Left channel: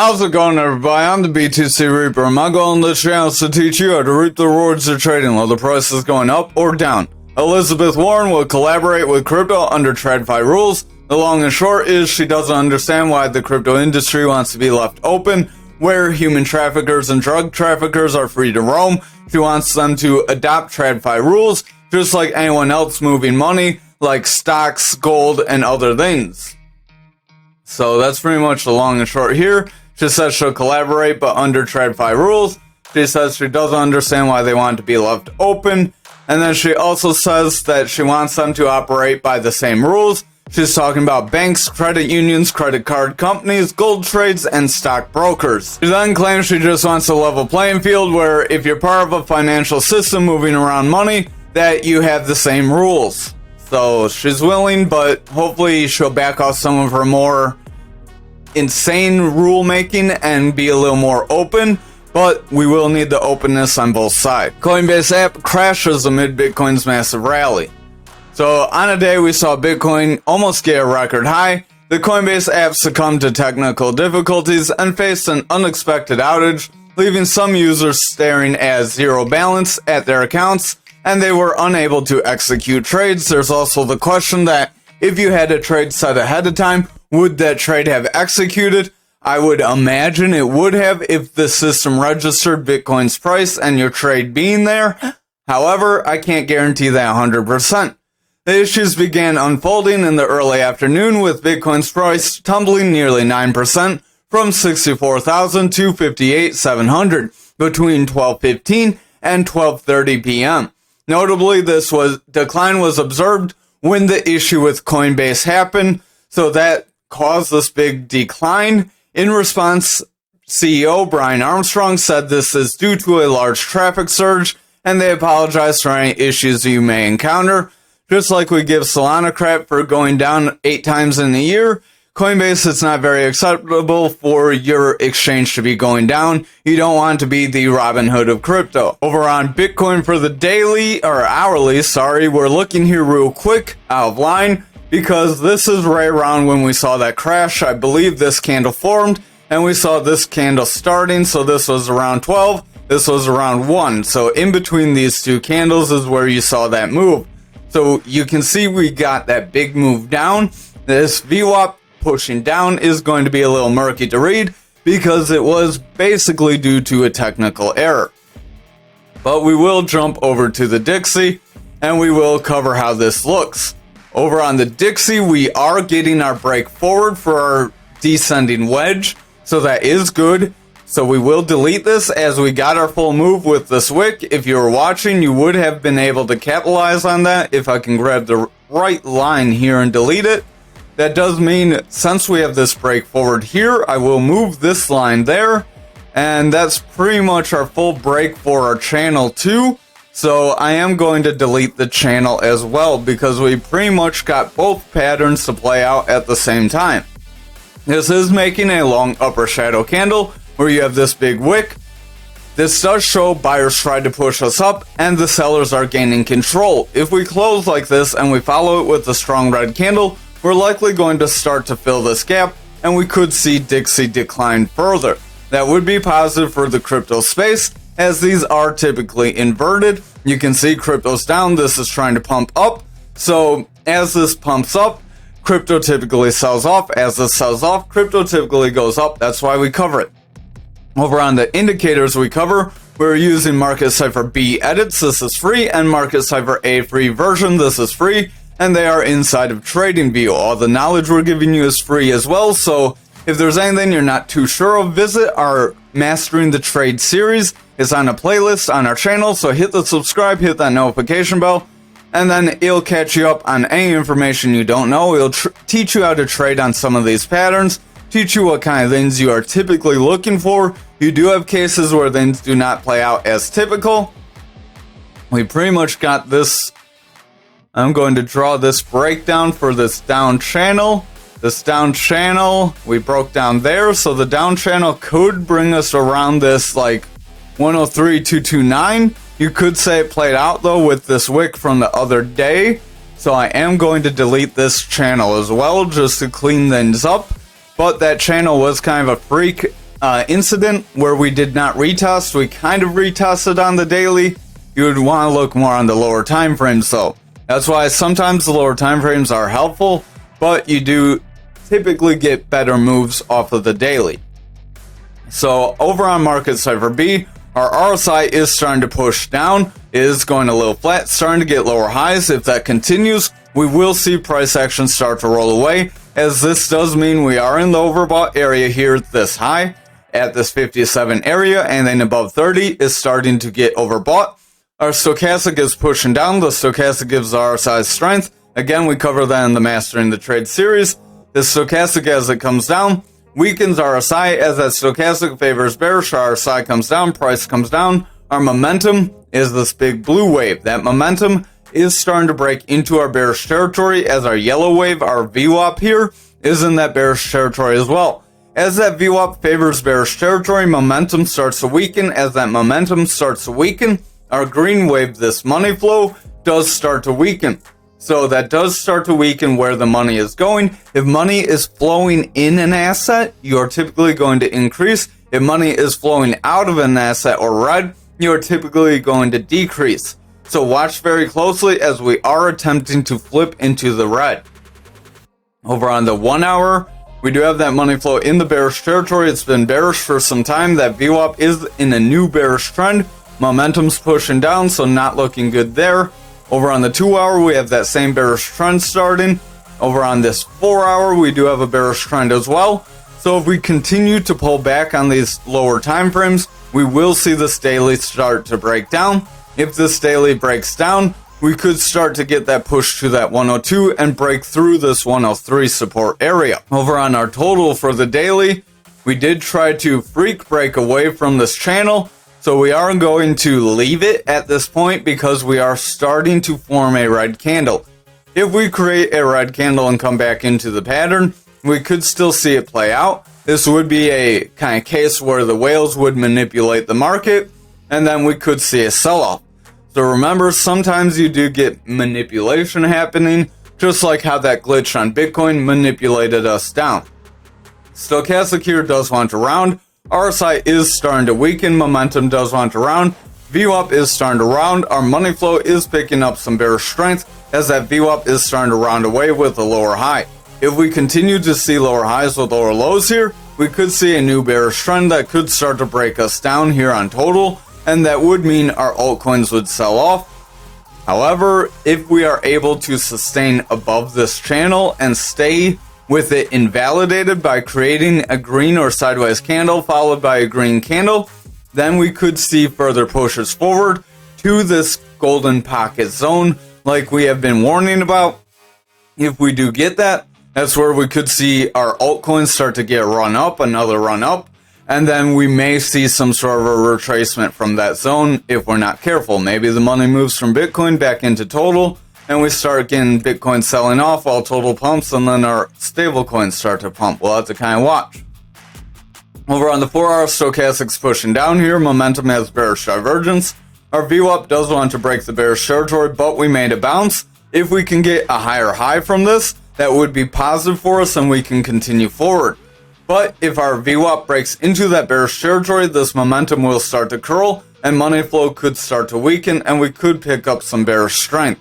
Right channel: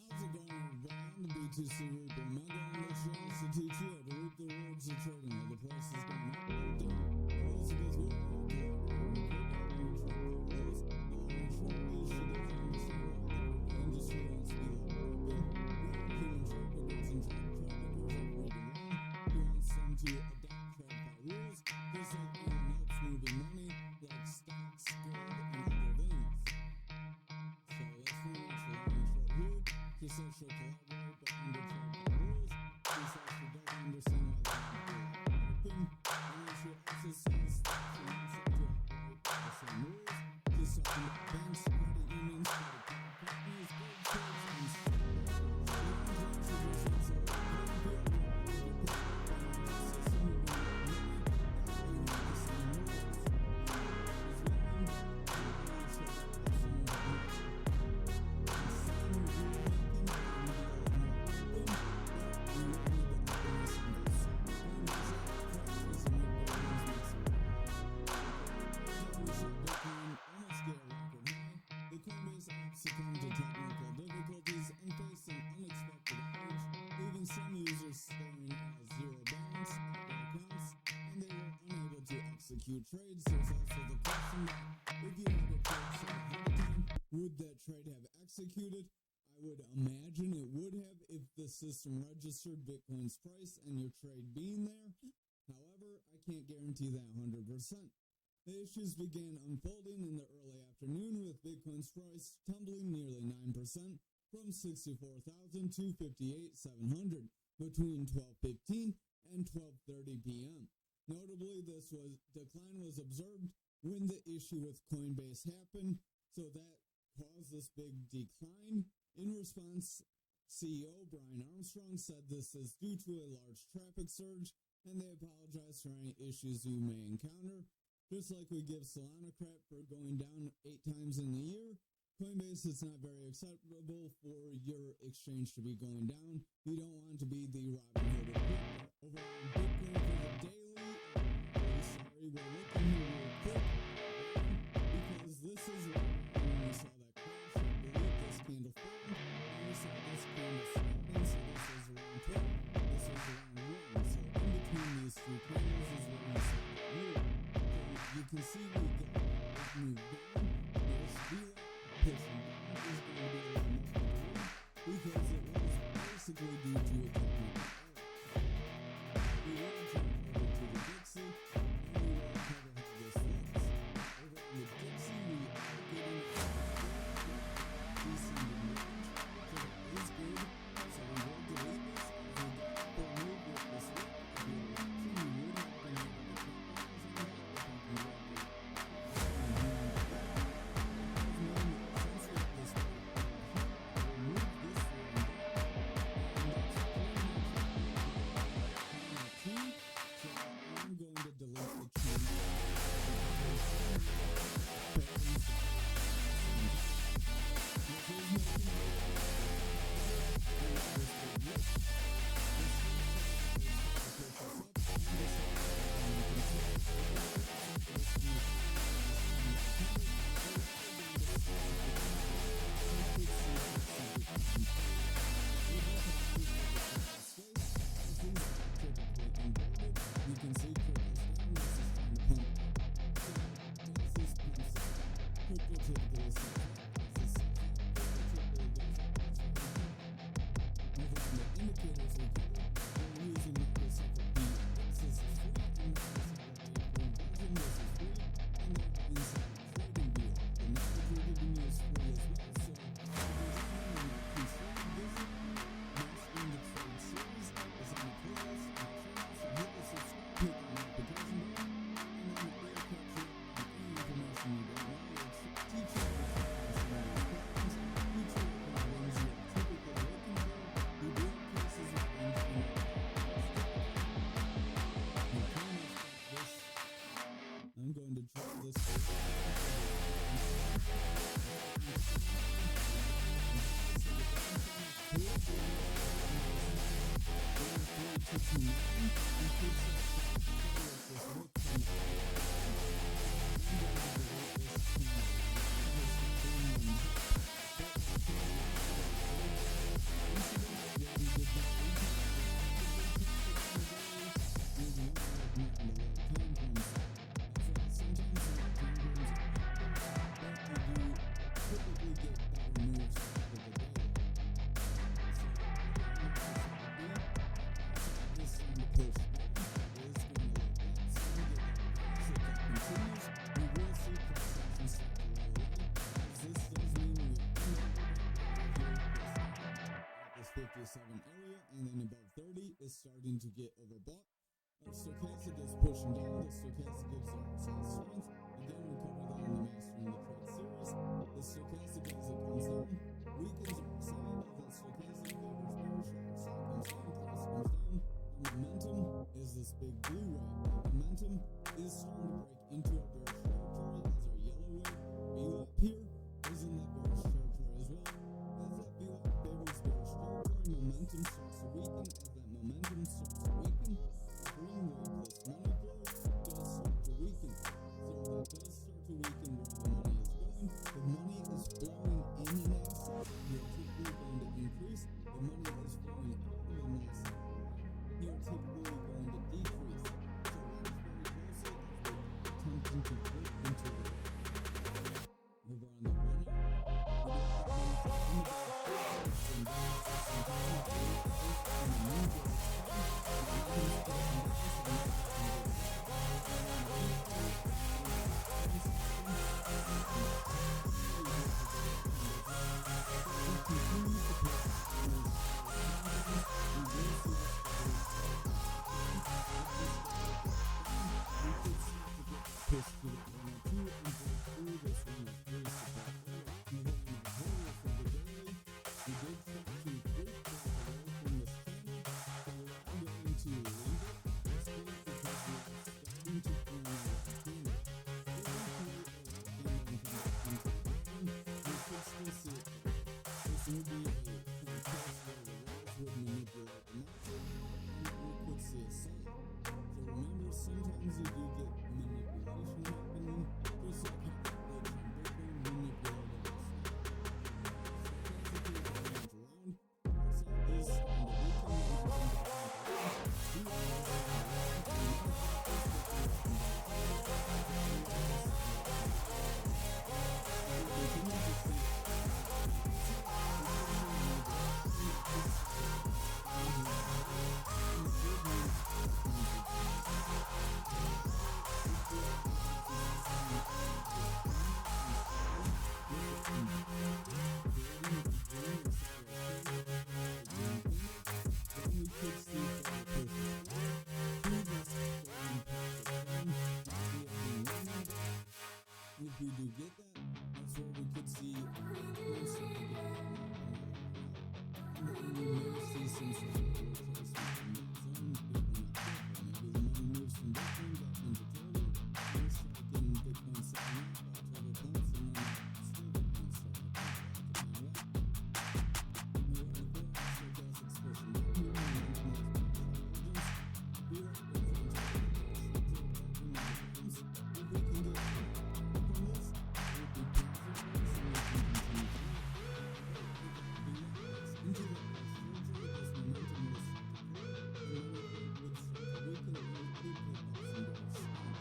How's it going, everybody? I'm the BTC Reaper. My goal on this channel is to teach you how to reap the rewards of trading while the price is going up or down. Elizabeth Warren will collaborate with crypto under TradFi rules. The long and short is she doesn't understand why the crypto industry wants to be left open, where human traffickers and drug traffickers are free to roam. She wants them to adopt TradFi rules, just like anyone else moving money, like stocks, gold, and other things. So that's pretty much the long and short here. She says she'll collaborate, but under TradFi rules. She says she doesn't understand why they want to be left open. And then she also says that she wants them to operate by the same rules. She's talking about banks, credit unions, credit card companies, gold trades, and stock brokers. She then claims she just wants a level playing field where if you're part of a financial system moving around money, that you have the same rules. So she's willing, but hopefully she'll back off some of her more insane rule making and be a little more open, but we will need the openness on both sides. Coinbase app crashes amid Bitcoin's massive rally. So on a day we saw Bitcoin almost get a record high, the Coinbase app succumbed to technical difficulties and faced an unexpected outage, leaving some users staring at zero balance at their accounts, and they were unable to execute trades. There's also the question that if you had a trade set ahead of time, would that trade have executed? I would imagine it would have if the system registered Bitcoin's price and your trade being there. However, I can't guarantee that 100%. The issues began unfolding in the early afternoon with Bitcoin's price tumbling nearly 9% from 64,000 to 58,700 between 12:15 and 12:30 p.m. Notably, this decline was observed when the issue with Coinbase happened, so that caused this big decline. In response, CEO Brian Armstrong said this is due to a large traffic surge, and they apologize for any issues you may encounter. Just like we give Solana crap for going down 8 times in a year, Coinbase, it's not very acceptable for your exchange to be going down. You don't want to be the Robin Hood of crypto. Over on Bitcoin for the daily, or hourly, we're looking here real quick, out of line, because this is right around when we saw that crash. I believe this candle formed, and we saw this candle starting, so this was around 12, this was around 1. So in between these two candles is where you saw that move. So you can see we got that big move down. This VWAP pushing down is going to be a little murky to read because it was basically due to a technical error. But we will jump over to the Dixie and we will cover how this looks. Over on the Dixie, we are getting our break forward for our descending wedge, so that is good. So we will delete this as we got our full move with this wick. If you were watching, you would have been able to capitalize on that. If I can grab the right line here and delete it, that does mean since we have this break forward here, I will move this line there, and that's pretty much our full break for our channel too. So I am going to delete the channel as well because we pretty much got both patterns to play out at the same time. This is making a long upper shadow candle where you have this big wick. This does show buyers tried to push us up and the sellers are gaining control. If we close like this and we follow it with a strong red candle, we're likely going to start to fill this gap and we could see Dixie decline further. That would be positive for the crypto space as these are typically inverted. You can see crypto's down, this is trying to pump up. So as this pumps up, crypto typically sells off. As this sells off, crypto typically goes up. That's why we cover it. Over on the indicators we cover, we're using Market Cipher B edits, this is free, and Market Cipher A free version, this is free, and they are inside of TradingView. All the knowledge we're giving you is free as well, so if there's anything you're not too sure of, visit our Mastering the Trade series. It's on a playlist on our channel, so hit the subscribe, hit that notification bell, and then it'll catch you up on any information you don't know. It'll teach you how to trade on some of these patterns, teach you what kind of things you are typically looking for. You do have cases where things do not play out as typical. We pretty much got this. I'm going to draw this breakdown for this down channel. This down channel, we broke down there, so the down channel could bring us around this like 103.229. You could say it played out though with this wick from the other day. So I am going to delete this channel as well just to clean things up. But that channel was kind of a freak incident where we did not retest. We kind of retested on the daily. You would want to look more on the lower time frames though. That's why sometimes the lower time frames are helpful, but you do typically get better moves off of the daily. So over on market cipher B, our RSI is starting to push down. It is going a little flat, starting to get lower highs. If that continues, we will see price action start to roll away, as this does mean we are in the overbought area here at this high, at this 57 area, and then above 30 is starting to get overbought. Our stochastic is pushing down. The stochastic gives our RSI strength. Again, we cover that in the Mastering the Trade series. The stochastic, as it comes down, weakens RSI. As that stochastic favors bearish, our RSI comes down, price comes down. Our momentum is this big blue wave. That momentum is starting to break into our bearish territory, as our yellow wave, our VWAP here, is in that bearish territory as well. As that VWAP favors bearish territory, momentum starts to weaken. As that momentum starts to weaken, our green wave, this money flow, does start to weaken. So that does start to weaken where the money is going. If money is flowing in an asset, you're typically going to increase. If money is flowing out of an asset or red, you're typically going to decrease. So watch very closely, as we are attempting to flip into the red. Over on the 1 hour, we do have that money flow in the bearish territory. It's been bearish for some time. That VWAP is in a new bearish trend. Momentum's pushing down, so not looking good there. Over on the 2 hour, we have that same bearish trend starting. Over on this 4 hour, we do have a bearish trend as well. So if we continue to pull back on these lower time frames, we will see this daily start to break down. If this daily breaks down, we could start to get that push to that 102 and break through this 103 support area. Over on our total for the daily, we did try to freak break away from this channel. So we are going to leave it at this point, because we are starting to form a red candle. If we create a red candle and come back into the pattern, we could still see it play out. This would be a kind of case where the whales would manipulate the market, and then we could see a sell-off. So remember, sometimes you do get manipulation happening, just like how that glitch on Bitcoin manipulated us down. Stochastic here does want to round. RSI is starting to weaken. Momentum does want to round. VWAP is starting to round. Our money flow is picking up some bearish strength, as that VWAP is starting to round away with a lower high. If we continue to see lower highs with lower lows here, we could see a new bearish trend that could start to break us down here on total, and that would mean our altcoins would sell off. However, if we are able to sustain above this channel and stay with it invalidated by creating a green or sideways candle followed by a green candle, then we could see further pushes forward to this golden pocket zone like we have been warning about. If we do get that, that's where we could see our altcoins start to get run up, another run up, and then we may see some sort of a retracement from that zone if we're not careful. Maybe the money moves from Bitcoin back into total, and we start getting Bitcoin selling off while total pumps, and then our stable coins start to pump. We'll have to kind of watch. Over on the 4 hour, stochastic's pushing down here. Momentum has bearish divergence. Our VWAP does want to break the bearish territory, but we made a bounce. If we can get a higher high from this, that would be positive for us and we can continue forward. But if our VWAP breaks into that bearish territory, this momentum will start to curl and money flow could start to weaken, and we could pick up some bearish strength.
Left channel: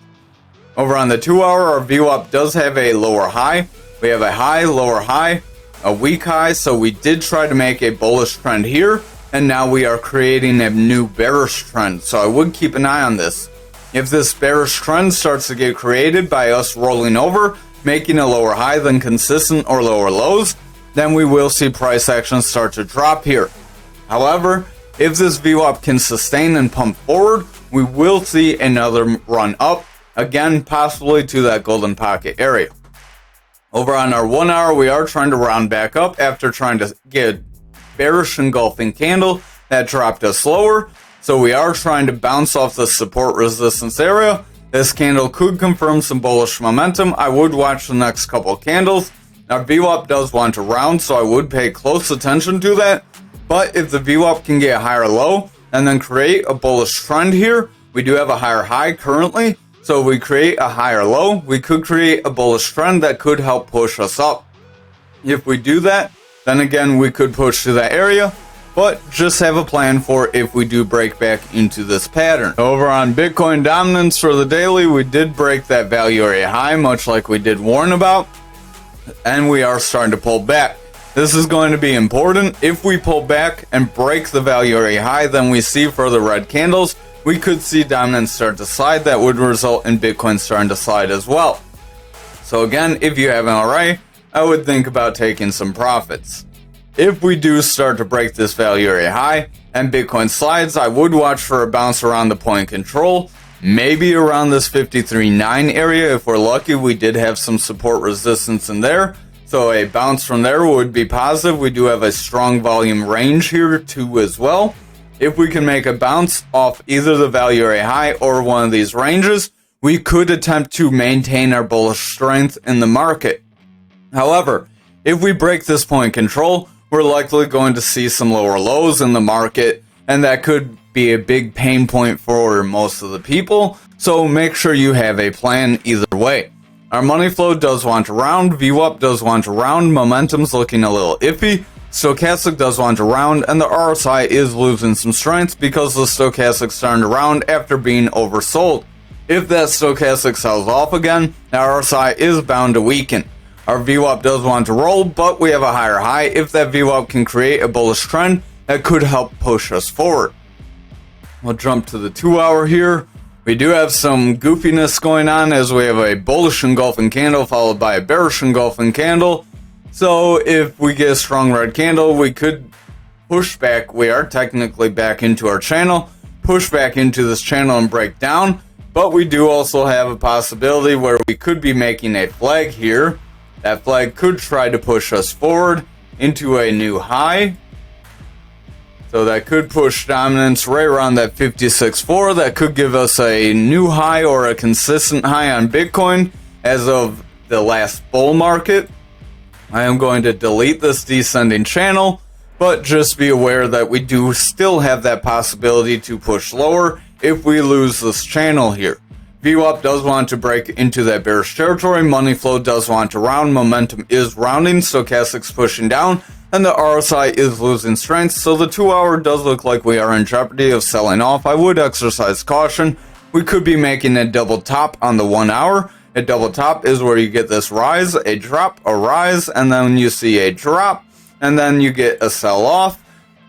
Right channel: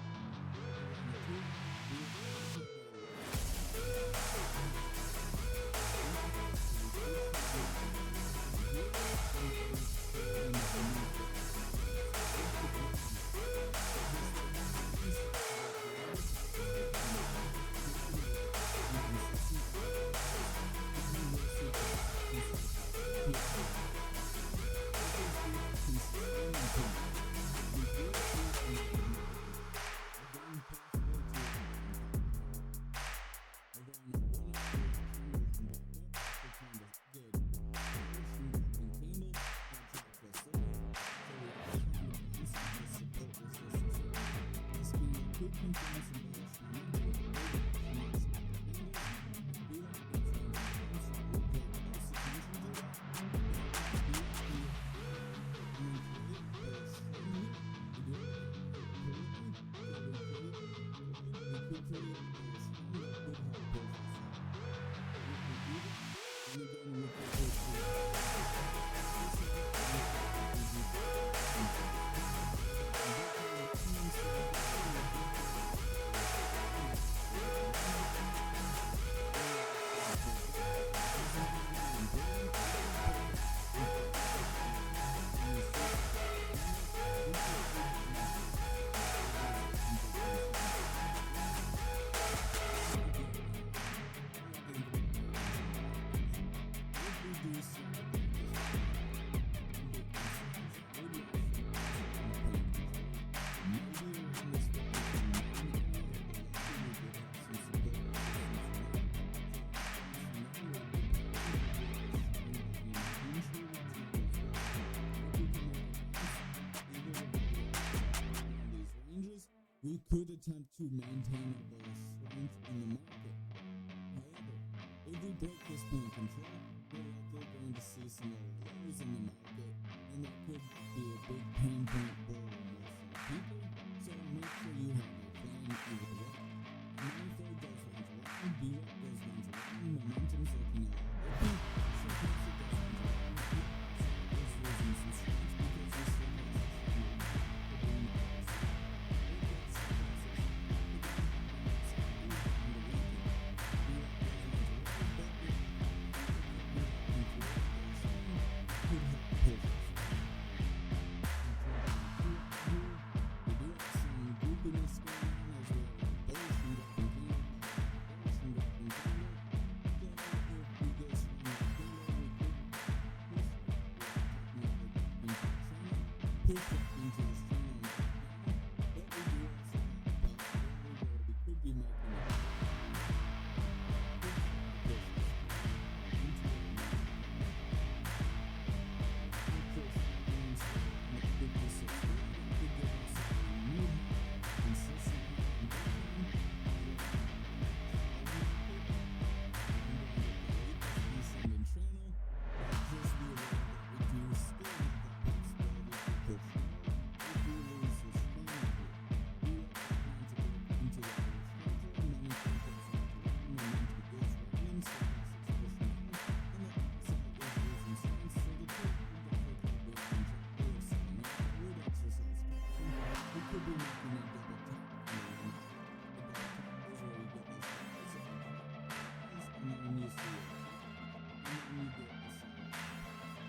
Over on the 2 hour, our VWAP does have a lower high. We have a high, lower high, a weak high, so we did try to make a bullish trend here, and now we are creating a new bearish trend, so I would keep an eye on this. If this bearish trend starts to get created by us rolling over, making a lower high than consistent or lower lows, then we will see price action start to drop here. However, if this VWAP can sustain and pump forward, we will see another run up, again possibly to that golden pocket area. Over on our 1 hour, we are trying to round back up after trying to get a bearish engulfing candle that dropped us lower. So we are trying to bounce off the support resistance area. This candle could confirm some bullish momentum. I would watch the next couple candles. Our VWAP does want to round, so I would pay close attention to that. But if the VWAP can get a higher low and then create a bullish trend here, we do have a higher high currently. So if we create a higher low, we could create a bullish trend that could help push us up. If we do that, then again we could push to that area, but just have a plan for if we do break back into this pattern. Over on Bitcoin dominance for the daily, we did break that value area high, much like we did warn about, and we are starting to pull back. This is going to be important. If we pull back and break the value area high, then we see further red candles, we could see dominance start to slide. That would result in Bitcoin starting to slide as well. So again, if you haven't already, I would think about taking some profits. If we do start to break this value area high and Bitcoin slides, I would watch for a bounce around the point control, maybe around this 53.9 area. If we're lucky, we did have some support resistance in there, so a bounce from there would be positive. We do have a strong volume range here too as well. If we can make a bounce off either the value area high or one of these ranges, we could attempt to maintain our bullish strength in the market. However, if we break this point control, we're likely going to see some lower lows in the market, and that could be a big pain point for most of the people, so make sure you have a plan either way. Our money flow does want to round, VWAP does want to round, momentum's looking a little iffy, stochastic does want to round, and the RSI is losing some strength because the stochastic's starting to round after being oversold. If that stochastic sells off again, the RSI is bound to weaken. Our VWAP does want to roll, but we have a higher high. If that VWAP can create a bullish trend, that could help push us forward. We'll jump to the 2 hour here. We do have some goofiness going on as we have a bullish engulfing candle followed by a bearish engulfing candle. So if we get a strong red candle, we could push back. We are technically back into our channel, push back into this channel and break down. But we do also have a possibility where we could be making a flag here. That flag could try to push us forward into a new high. So that could push dominance right around that 56.4. That could give us a new high or a consistent high on Bitcoin as of the last bull market. I am going to delete this descending channel, but just be aware that we do still have that possibility to push lower if we lose this channel here. VWAP does want to break into that bearish territory, money flow does want to round, momentum is rounding, stochastic's pushing down, and the RSI is losing strength, so the 2 hour does look like we are in jeopardy of selling off. I would exercise caution. We could be making a double top on the 1 hour. A double top is where you get this rise, a drop, a rise, and then you see a drop, and then you get a sell off.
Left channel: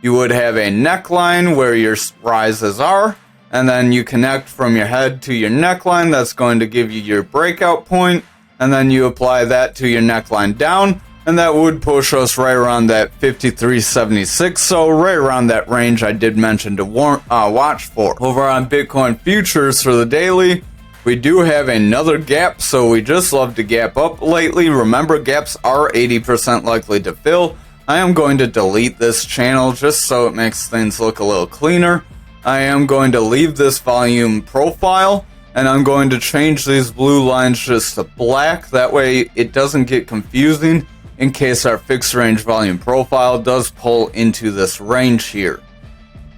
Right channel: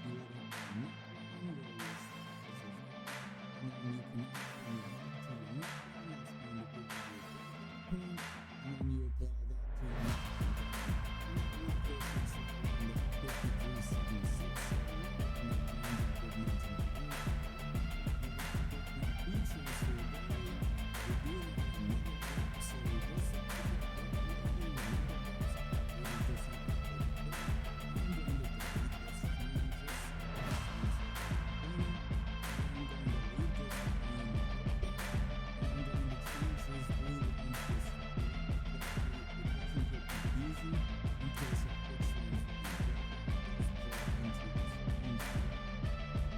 You would have a neckline where your rises are, and then you connect from your head to your neckline. That's going to give you your breakout point, and then you apply that to your neckline down, and that would push us right around that 53.76, so right around that range I did mention to watch for. Over on Bitcoin futures for the daily, we do have another gap, so we just love to gap up lately. Remember, gaps are 80% likely to fill. I am going to delete this channel just so it makes things look a little cleaner. I am going to leave this volume profile, and I'm going to change these blue lines just to black. That way it doesn't get confusing in case our fixed range volume profile does pull into this range here.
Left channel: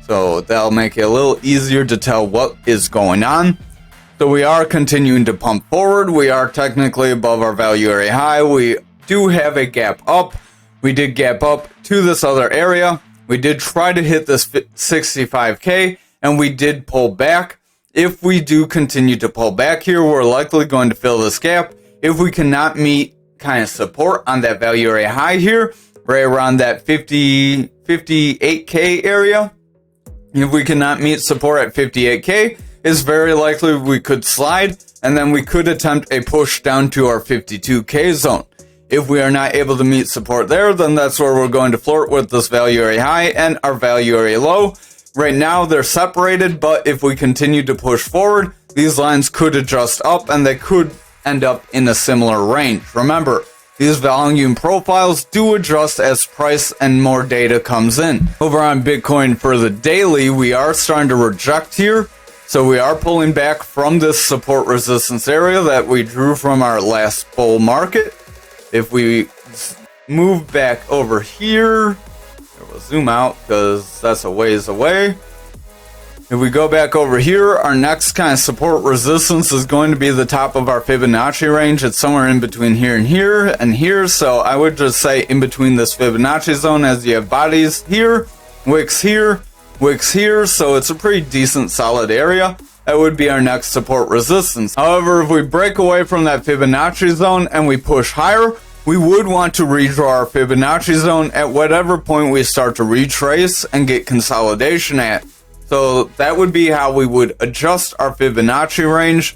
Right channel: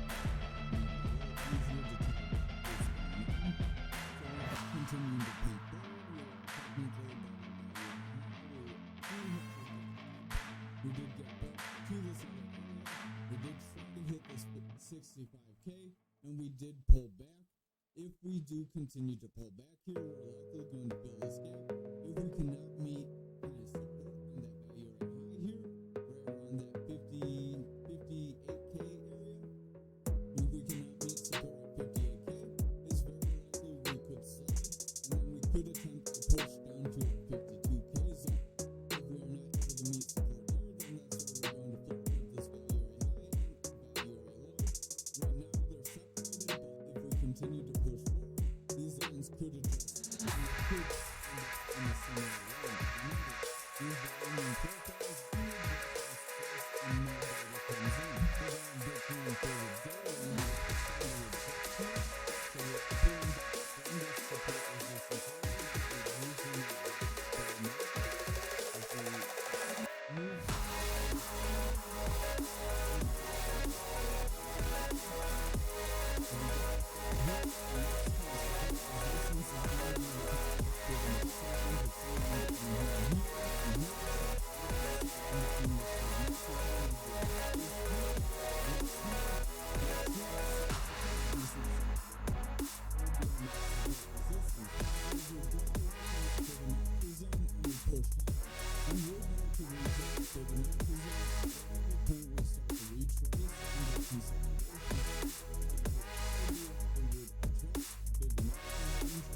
So that'll make it a little easier to tell what is going on. So we are continuing to pump forward. We are technically above our value area high. We do have a gap up. We did gap up to this other area. We did try to hit this 65K, and we did pull back. If we do continue to pull back here, we're likely going to fill this gap. If we cannot meet kind of support on that value area high here, right around that 58K area, if we cannot meet support at 58K, it's very likely we could slide, and then we could attempt a push down to our 52K zone. If we are not able to meet support there, then that's where we're going to flirt with this value area high and our value area low. Right now they're separated, but if we continue to push forward, these lines could adjust up and they could end up in a similar range. Remember, these volume profiles do adjust as price and more data comes in. Over on Bitcoin for the daily, we are starting to reject here. So we are pulling back from this support resistance area that we drew from our last bull market. If we move back over here, we'll zoom out because that's a ways away. If we go back over here, our next kind of support resistance is going to be the top of our Fibonacci range. It's somewhere in between here and here. So I would just say in between this Fibonacci zone, as you have bodies here, wicks here, wicks here. So it's a pretty decent solid area. That would be our next support resistance. However, if we break away from that Fibonacci zone and we push higher, we would want to redraw our Fibonacci zone at whatever point we start to retrace and get consolidation at. So that would be how we would adjust our Fibonacci range.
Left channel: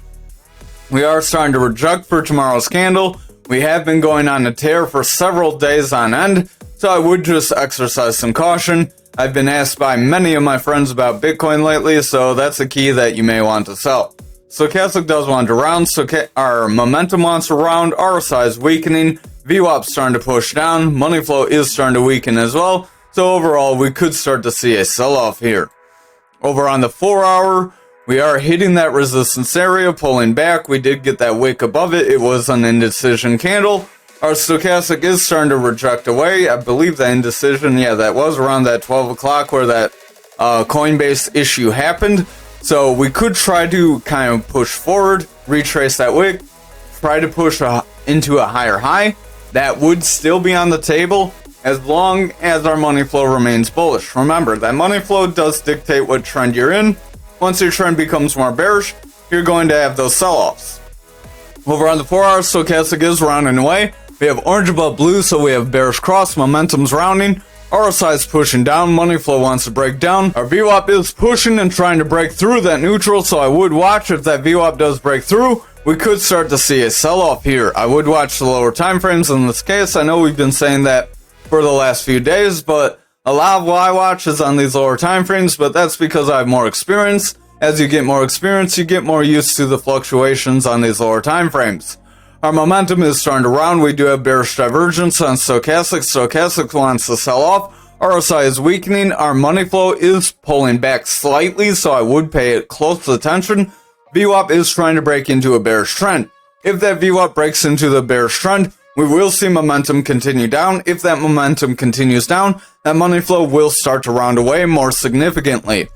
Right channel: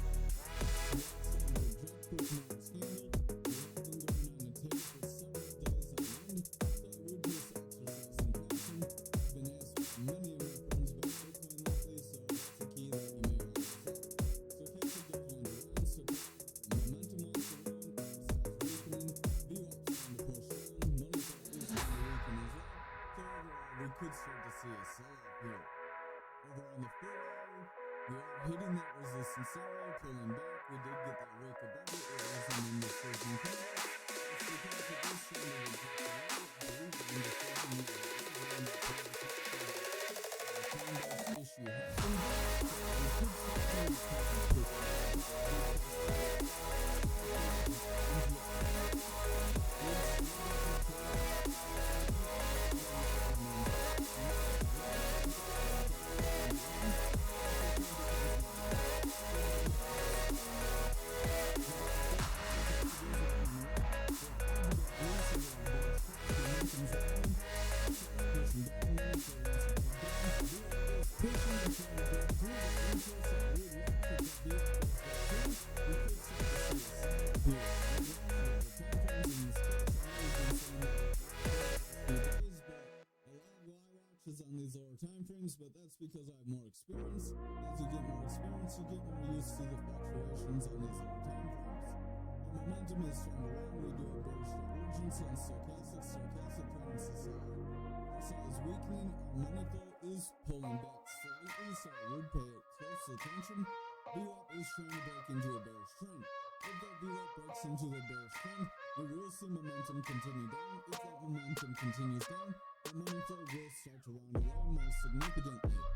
We are starting to reject for tomorrow's candle. We have been going on a tear for several days on end, so I would just exercise some caution. I've been asked by many of my friends about Bitcoin lately, so that's a key that you may want to sell. Stochastic does want to round, so our momentum wants to round, RSI is weakening, VWAP starting to push down, money flow is starting to weaken as well, so overall we could start to see a sell-off here. Over on the 4 hour, we are hitting that resistance area, pulling back. We did get that wick above it. It was an indecision candle. Our stochastic is starting to reject away. I believe that indecision, yeah, that was around that 12 o'clock where that Coinbase issue happened. So we could try to kind of push forward, retrace that wick, try to push into a higher high. That would still be on the table, as long as our money flow remains bullish. Remember, that money flow does dictate what trend you're in. Once your trend becomes more bearish, you're going to have those sell-offs. Over on the 4 hour, stochastic is rounding away. We have orange above blue, so we have bearish cross, momentum's rounding. RSI is pushing down, money flow wants to break down. Our VWAP is pushing and trying to break through that neutral, so I would watch if that VWAP does break through. We could start to see a sell-off here. I would watch the lower time frames in this case. I know we've been saying that for the last few days, but a lot of what I watch is on these lower time frames, but that's because I have more experience. As you get more experience, you get more used to the fluctuations on these lower time frames. Our momentum is starting to round. We do have bearish divergence on stochastic. Stochastic wants to sell off. RSI is weakening. Our money flow is pulling back slightly, so I would pay it close attention. VWAP is trying to break into a bearish trend. If that VWAP breaks into the bearish trend, we will see momentum continue down. If that momentum continues down, that money flow will start to round away more significantly.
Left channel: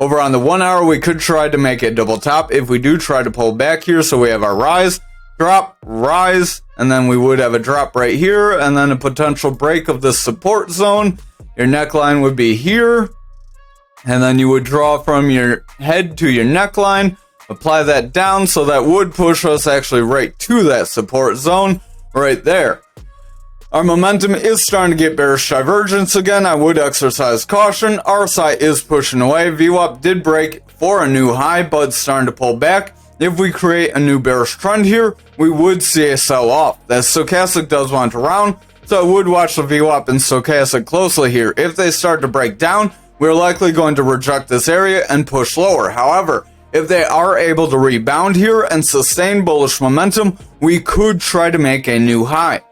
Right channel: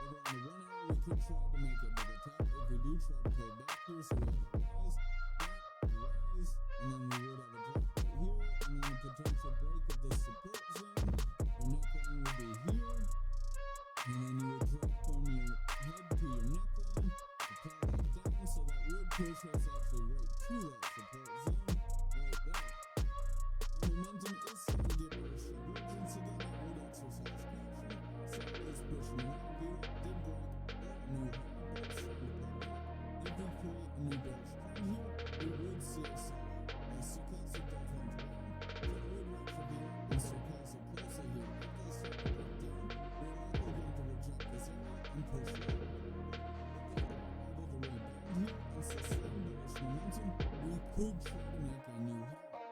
Over on the 1 hour, we could try to make a double top if we do try to pull back here. So we have our rise, drop, rise, and then we would have a drop right here, and then a potential break of the support zone. Your neckline would be here, and then you would draw from your head to your neckline, apply that down, so that would push us actually right to that support zone right there. Our momentum is starting to get bearish divergence again. I would exercise caution. RSI is pushing away. VWAP did break for a new high, but starting to pull back. If we create a new bearish trend here, we would see a sell-off. That stochastic does want to round, so I would watch the VWAP and stochastic closely here. If they start to break down, we're likely going to reject this area and push lower. However, if they are able to rebound here and sustain bullish momentum, we could try to make a new high.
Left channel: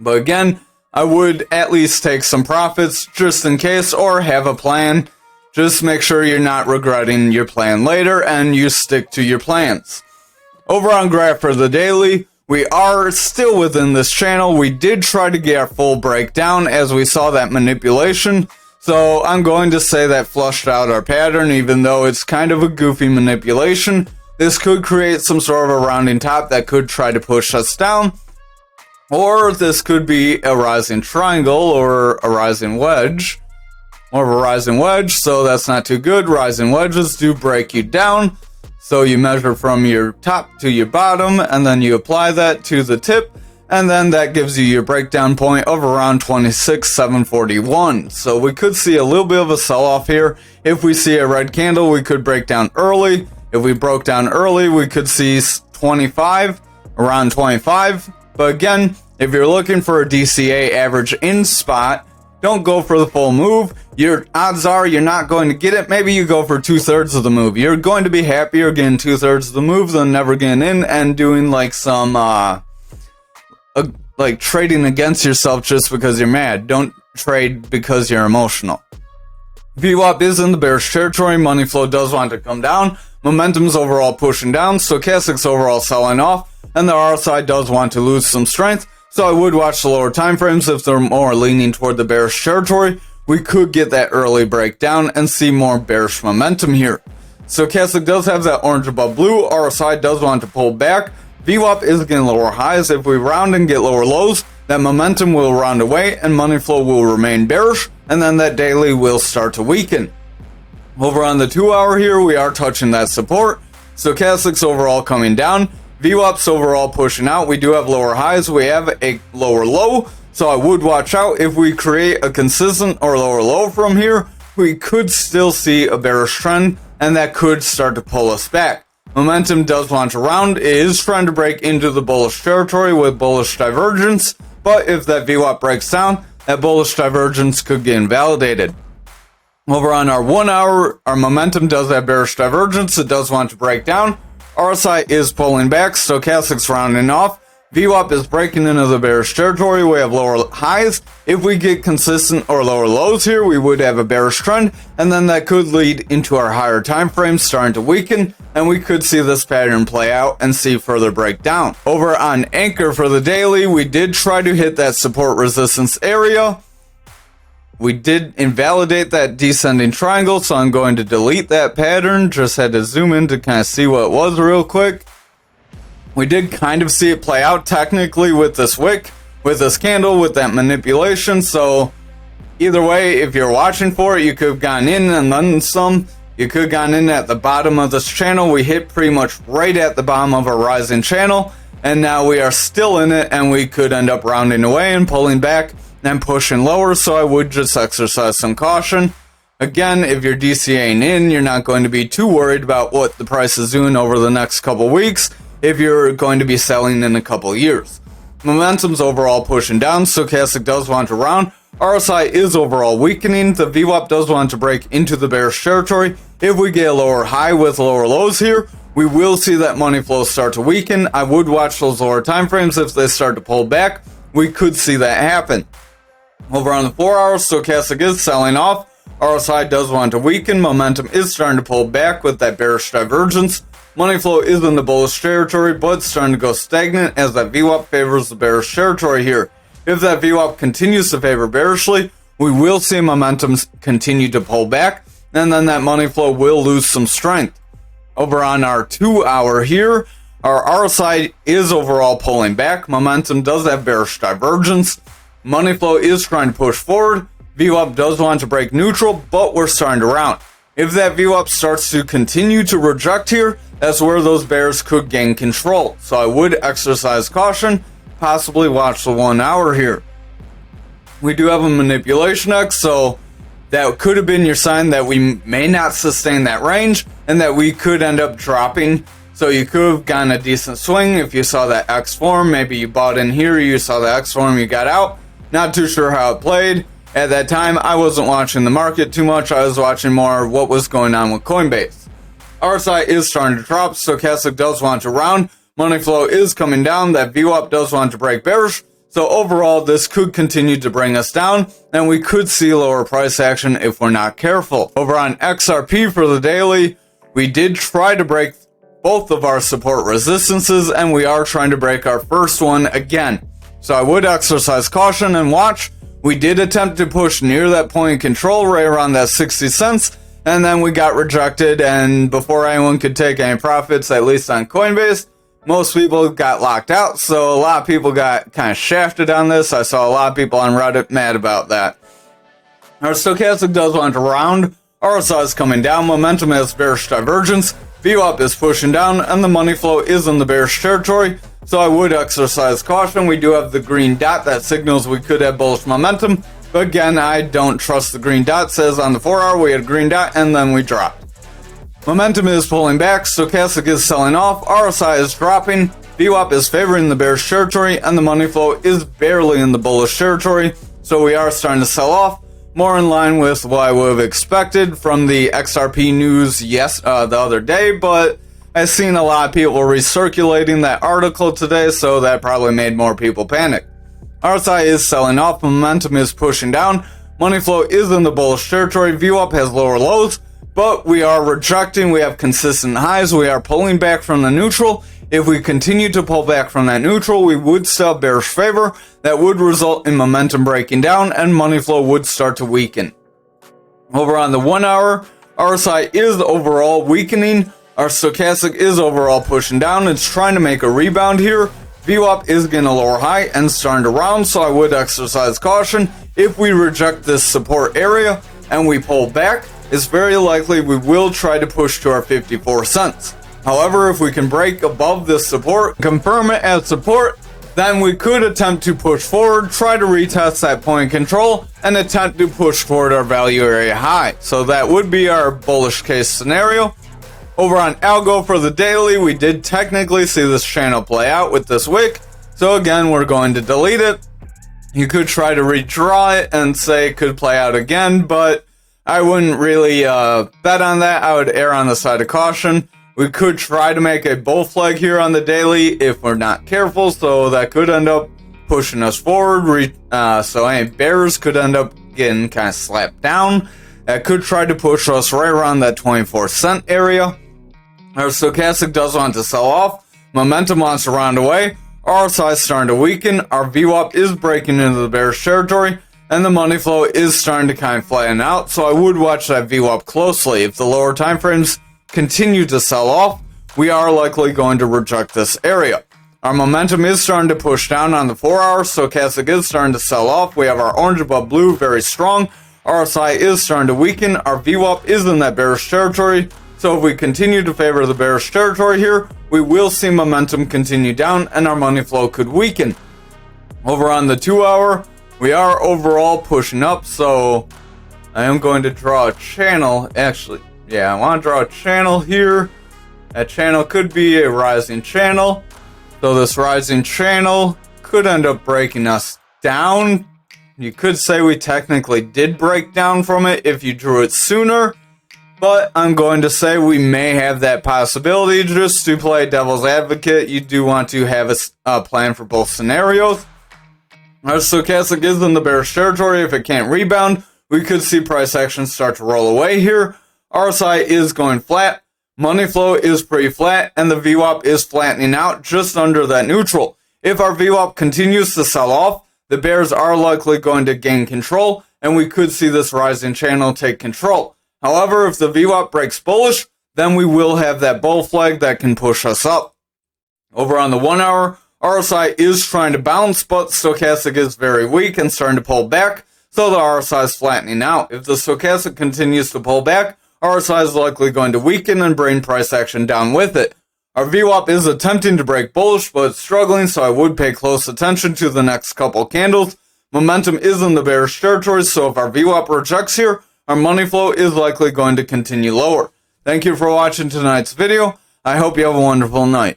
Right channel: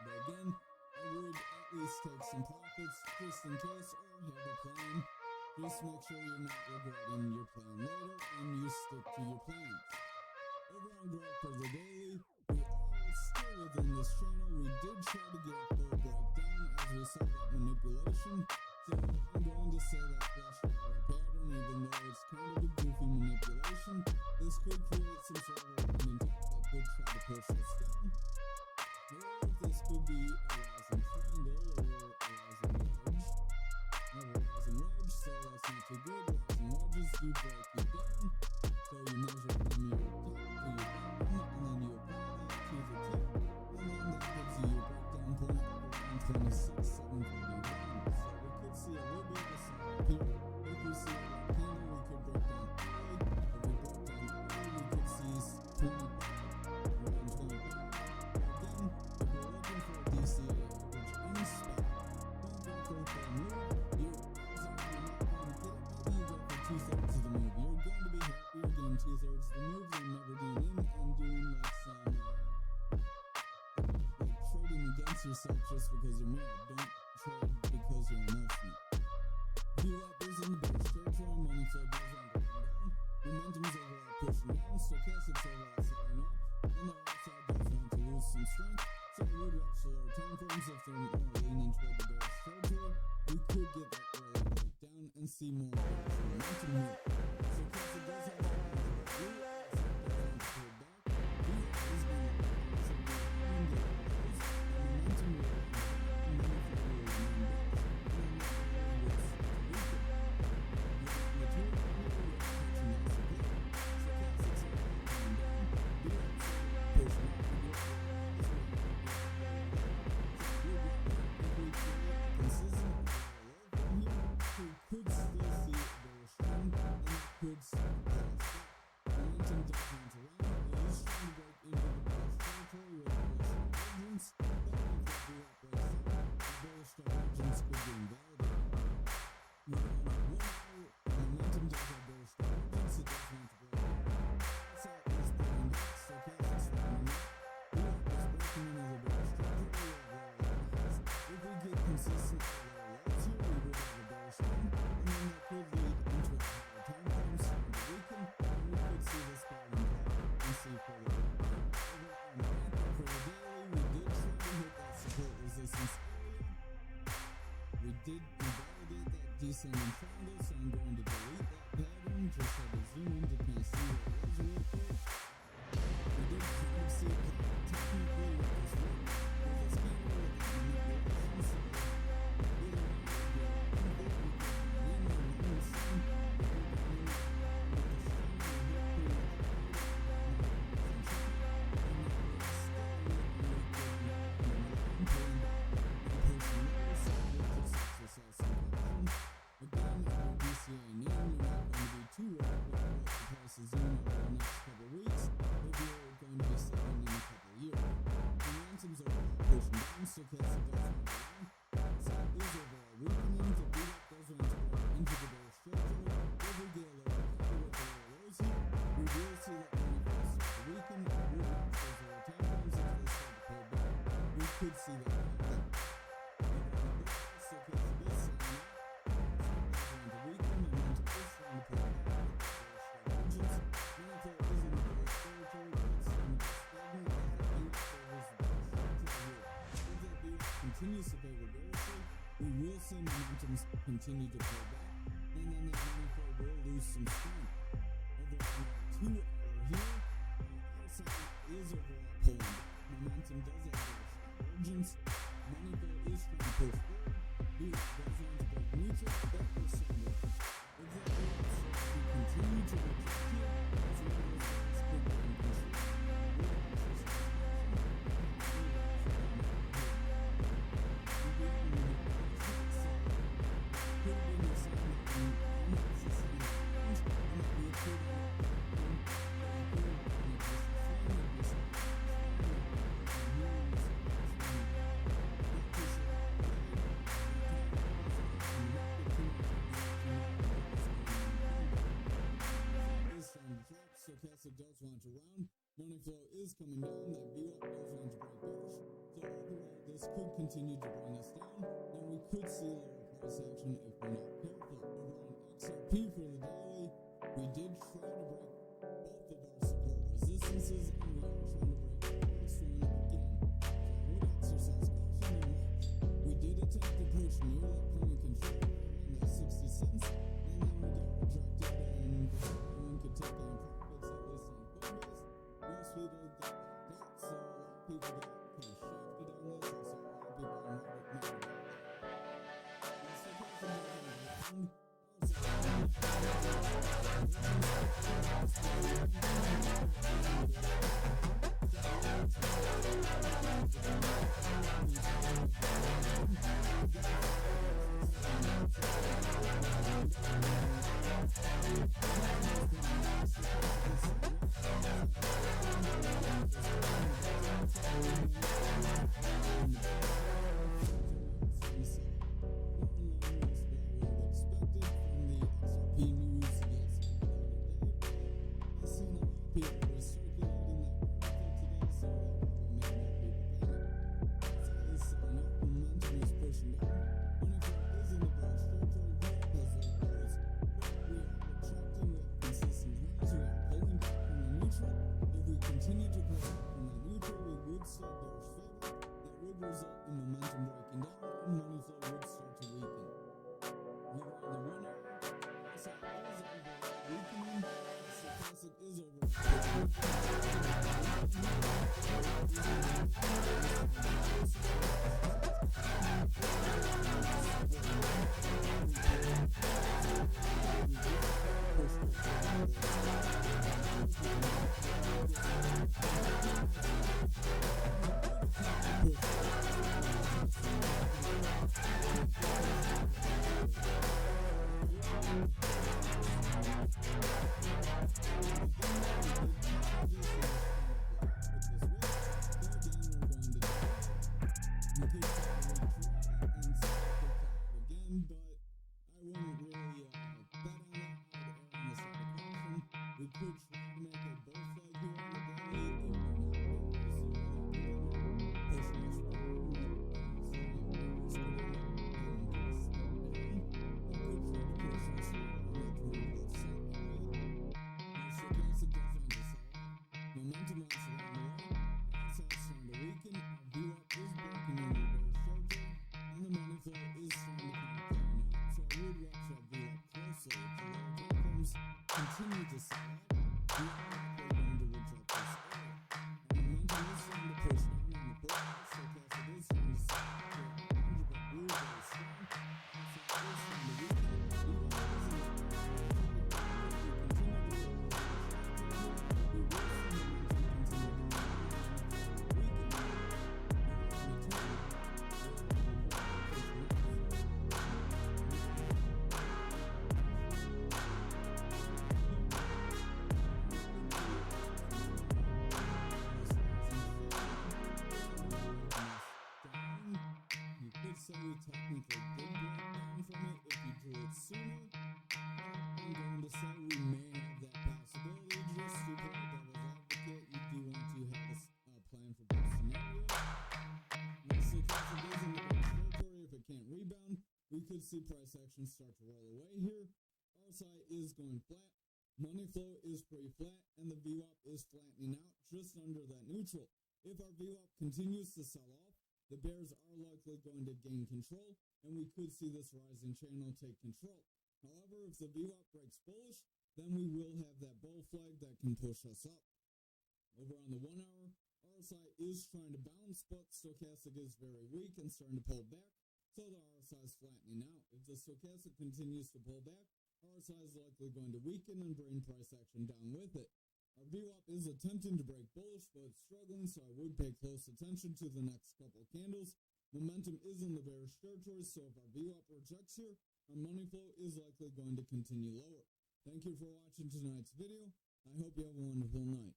But again, I would at least take some profits just in case, or have a plan. Just make sure you're not regretting your plan later and you stick to your plans. Over on graph for the daily, we are still within this channel. We did try to get our full breakdown as we saw that manipulation. So I'm going to say that flushed out our pattern, even though it's kind of a goofy manipulation. This could create some sort of a rounding top that could try to push us down. Or this could be a rising triangle or a rising wedge. More of a rising wedge, so that's not too good. Rising wedges do break you down. So you measure from your top to your bottom, and then you apply that to the tip, and then that gives you your breakdown point of around 26,741. So we could see a little bit of a sell-off here. If we see a red candle, we could break down early. If we broke down early, we could see 25, around 25. But again, if you're looking for a DCA average in spot, don't go for the full move. Your odds are you're not going to get it. Maybe you go for 2/3 of the move. You're going to be happier getting 2/3 of the move than never getting in and doing like some like trading against yourself just because you're mad. Don't trade because you're emotional. VWAP is in the bearish territory. Money flow does want to come down. Momentum's overall pushing down. Stochastic's overall selling off. And the RSI does want to lose some strength. So I would watch the lower time frames if they're more leaning toward the bearish territory. we could get that early breakdown and see more bearish momentum here. Stochastic does have that orange above blue. RSI does want to pull back. VWAP is getting lower highs. If we round and get lower lows, that momentum will round away and money flow will remain bearish, and then that daily will start to weaken. Over on the 2 hour here, we are touching that support. Stochastic's overall coming down. VWAP's overall pushing out. We do have lower highs. We have a lower low. So I would watch out. If we create a consistent or lower low from here, we could still see a bearish trend, and that could start to pull us back. Momentum does launch around. It is trying to break into the bullish territory with bullish divergence, but if that VWAP breaks down, that bullish divergence could get invalidated. Over on our 1 hour, our momentum does have bearish divergence. It does want to break down. RSI is pulling back. Stochastic's rounding off. VWAP is breaking into the bearish territory. We have lower highs. If we get consistent or lower lows here, we would have a bearish trend, and then that could lead into our higher time frames starting to weaken, and we could see this pattern play out and see further breakdown. Over on Ankr for the daily, we did try to hit that support resistance area. We did invalidate that descending triangle, so I'm going to delete that pattern. Just had to zoom in to kind of see what it was real quick. We did kind of see it play out technically with this wick, with this candle, with that manipulation. So either way, if you're watching for it, you could have gotten in and then some. You could have gotten in at the bottom of this channel. We hit pretty much right at the bottom of a rising channel, and now we are still in it, and we could end up rounding away and pulling back and pushing lower. So I would just exercise some caution. Again, if you're DCAing in, you're not going to be too worried about what the price is doing over the next couple weeks if you're going to be selling in a couple years. Momentum's overall pushing down. Stochastic does want to round. RSI is overall weakening. The VWAP does want to break into the bearish territory. If we get a lower high with lower lows here, we will see that money flow start to weaken. I would watch those lower time frames. If they start to pull back, we could see that happen. Over on the 4 hours, Stochastic is selling off. RSI does want to weaken. Momentum is starting to pull back with that bearish divergence. Money flow is in the bullish territory, but starting to go stagnant as that VWAP favors the bearish territory here. If that VWAP continues to favor bearishly, we will see momentum continue to pull back, and then that money flow will lose some strength. Over on our 2 hour here, our RSI is overall pulling back. Momentum does have bearish divergence. Money flow is trying to push forward. VWAP does want to break neutral, but we're starting to round. If that VWAP starts to continue to reject here, that's where those bears could gain control. So I would exercise caution, possibly watch the 1 hour here. We do have a manipulation X, so that could have been your sign that we may not sustain that range and that we could end up dropping. So you could have gotten a decent swing if you saw that X form. Maybe you bought in here, you saw the X form, you got out. Not too sure how it played. At that time, I wasn't watching the market too much. I was watching more what was going on with Coinbase. RSI is starting to drop. Stochastic does want to round. Money flow is coming down. That VWAP does want to break bearish. So overall, this could continue to bring us down, and we could see lower price action if we're not careful. Over on XRP for the daily, we did try to break both of our support resistances, and we are trying to break our first one again. So I would exercise caution and watch. We did attempt to push near that point of control right around that 60 cents, and then we got rejected, and before anyone could take any profits, at least on Coinbase, most people got locked out, so a lot of people got kind of shafted on this. I saw a lot of people on Reddit mad about that. Our Stochastic does want to round. RSI is coming down. Momentum has bearish divergence. VWAP is pushing down, and the money flow is in the bearish territory, so I would exercise caution. We do have the green dot that signals we could have bullish momentum, but again, I don't trust the green dot. It says on the 4 hour we had a green dot, and then we dropped. Momentum is pulling back. Stochastic is selling off. RSI is dropping. VWAP is favoring the bearish territory, and the money flow is barely in the bullish territory, so we are starting to sell off. More in line with what I would have expected from the XRP news the other day, but I've seen a lot of people recirculating that article today, so that probably made more people panic. RSI is selling off. Momentum is pushing down. Money flow is in the bullish territory. VWAP has lower lows, but we are rejecting. We have consistent highs. We are pulling back from the neutral. If we continue to pull back from that neutral, we would still have bearish favor. That would result in momentum breaking down and money flow would start to weaken. Over on the 1 hour, RSI is overall weakening. Our stochastic is overall pushing down. It's trying to make a rebound here. VWAP is getting a lower high and starting to round, so I would exercise caution. If we reject this support area and we pull back, it's very likely we will try to push to our 54 cents. However, if we can break above this support, confirm it as support, then we could attempt to push forward, try to retest that point of control, and attempt to push forward our value area high. So that would be our bullish case scenario. Over on ALGO for the daily, we did technically see this channel play out with this wick. So again, we're going to delete it. You could try to redraw it and say it could play out again, but I wouldn't really bet on that. I would err on the side of caution. We could try to make a bull flag here on the daily if we're not careful, so that could end up pushing us forward. So any bears could end up getting kind of slapped down. That could try to push us right around that 24 cent area. Our stochastic does want to sell off. Momentum wants to round away. RSI is starting to weaken. Our VWAP is breaking into the bearish territory. And the money flow is starting to kind of flatten out. So I would watch that VWAP closely. If the lower time frames continue to sell off, we are likely going to reject this area. Our momentum is starting to push down on the 4 hour. Stochastic is starting to sell off. We have our orange above blue very strong. RSI is starting to weaken. Our VWAP is in that bearish territory. So if we continue to favor the bearish territory here, we will see momentum continue down and our money flow could weaken. Over on the 2 hour, we are overall pushing up. So I am going to draw a channel. Actually, yeah, I want to draw a channel here. That channel could be a rising channel. So this rising channel could end up breaking us down. You could say we technically did break down from it if you drew it sooner. But I'm going to say we may have that possibility. Just to play devil's advocate, you do want to have a plan for both scenarios. Our stochastic is in the bearish territory. If it can't rebound, we could see price action start to roll away here. RSI is going flat. Money flow is pretty flat. And the VWAP is flattening out just under that neutral. If our VWAP continues to sell off, the bears are likely going to gain control. And we could see this rising channel take control. However, if the VWAP breaks bullish, then we will have that bull flag that can push us up. Over on the 1 hour, RSI is trying to bounce, but stochastic is very weak and starting to pull back, so the RSI is flattening out. If the stochastic continues to pull back, RSI is likely going to weaken and bring price action down with it. Our VWAP is attempting to break bullish, but it's struggling, so I would pay close attention to the next couple candles. Momentum is in the bearish territory, so if our VWAP rejects here, our money flow is likely going to continue lower. Thank you for watching tonight's video. I hope you have a wonderful night.